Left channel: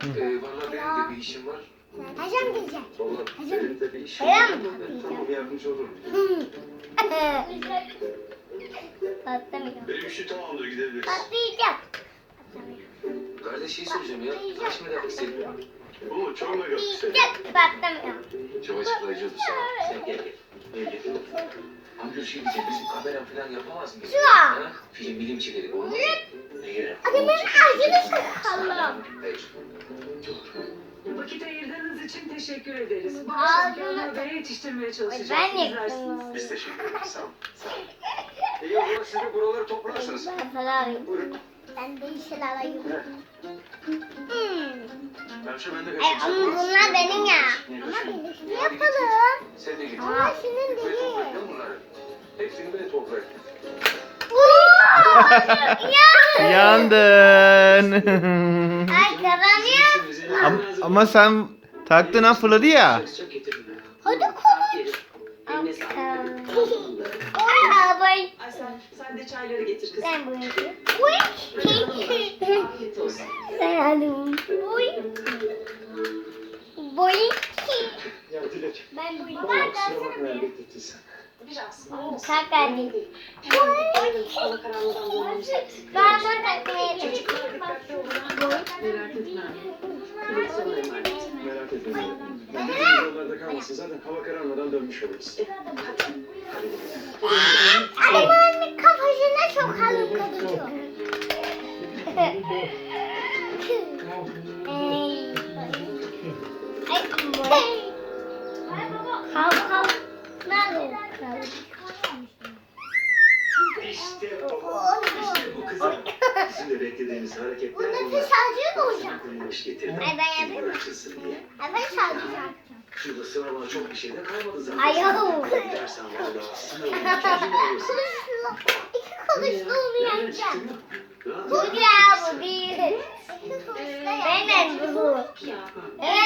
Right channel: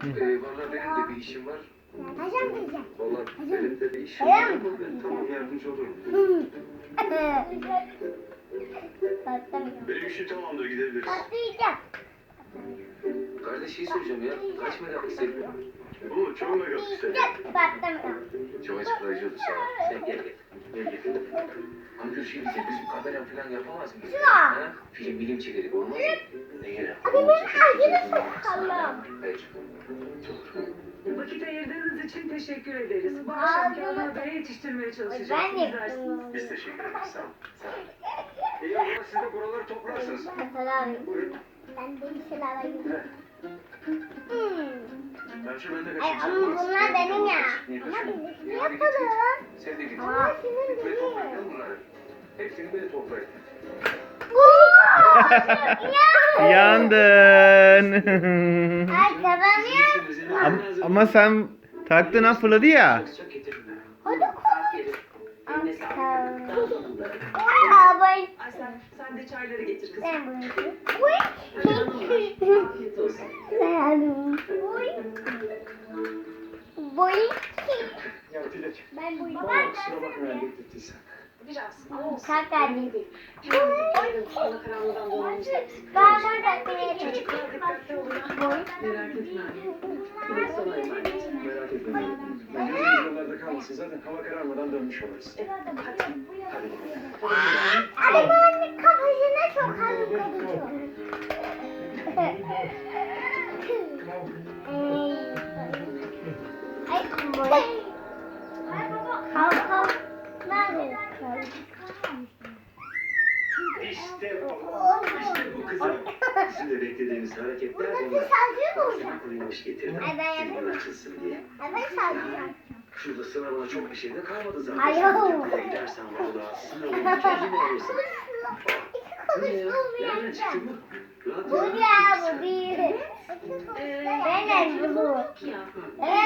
Valla benim de bir işim var. Hocam diyeceğim. Valla benim de bir işim var. Ben tamam yardımcı olurum. Benim işi tamamdır gidebiliriz. Patlayacak. Kardeş şey soracağım ya. Kaç yapmak istedin? Oo çok mu yok. Patlamıyor. Çok açıklayıcı oldu ol. Sen gel gel. Gel gel. Amca şey diyeceğim. Bizim kamera falan yapamaz mıyız? Ha? Film bilim çekelim. Olmaz mı? Ne gerek? Adamın ağzını sıkalım. Hayır. İçin teşekkür ederiz. Bu akşam bunu- habere yetiştirmeye çalışacağız. Ben yaptım. Biz teşekkür ederiz. Sağ ol. Sağ ol. İyi o zaman siz de buraları toplarsınız. Buyurun. Ben de işler alayım. Hmm. Hemşe ben de Ay, ama bunlar benim ya. Ama birlikte yapalım. Sen de git. Ama senin değil. toplayın bunları. Hepsini ben toplayın. ya. Yandın. Ay kazanıyor. ama, ama sen taktın ha fırladı ya. Hadi konuş. Sen, de çayları getir kızım. Sen. Boy. Boy. Ya Dilek. Ben bakma ya beklettin sen. Biraz. Kalk bulmamız lazım. Ben de takmaya kalmasın zaten hava kararmadan dönmüş oluruz. Bakalım. Adamın kafasına çok boy. Kalk kalk. Nerede kalk? İşte bu. İşte bu kızım. Bizim de beklediğimiz hareketler bunlar. bir sadece mi olacak? Ay, ben yapayım mı? Ay ben sadece. Şurada sınavına çok bir şey de kalmadı zaten. Ay, yahu. Gidersen valla sınavın çözümü alırsın. İki onu yapacağım. Bu ya bu değil. Benim bu. Ya. Evet.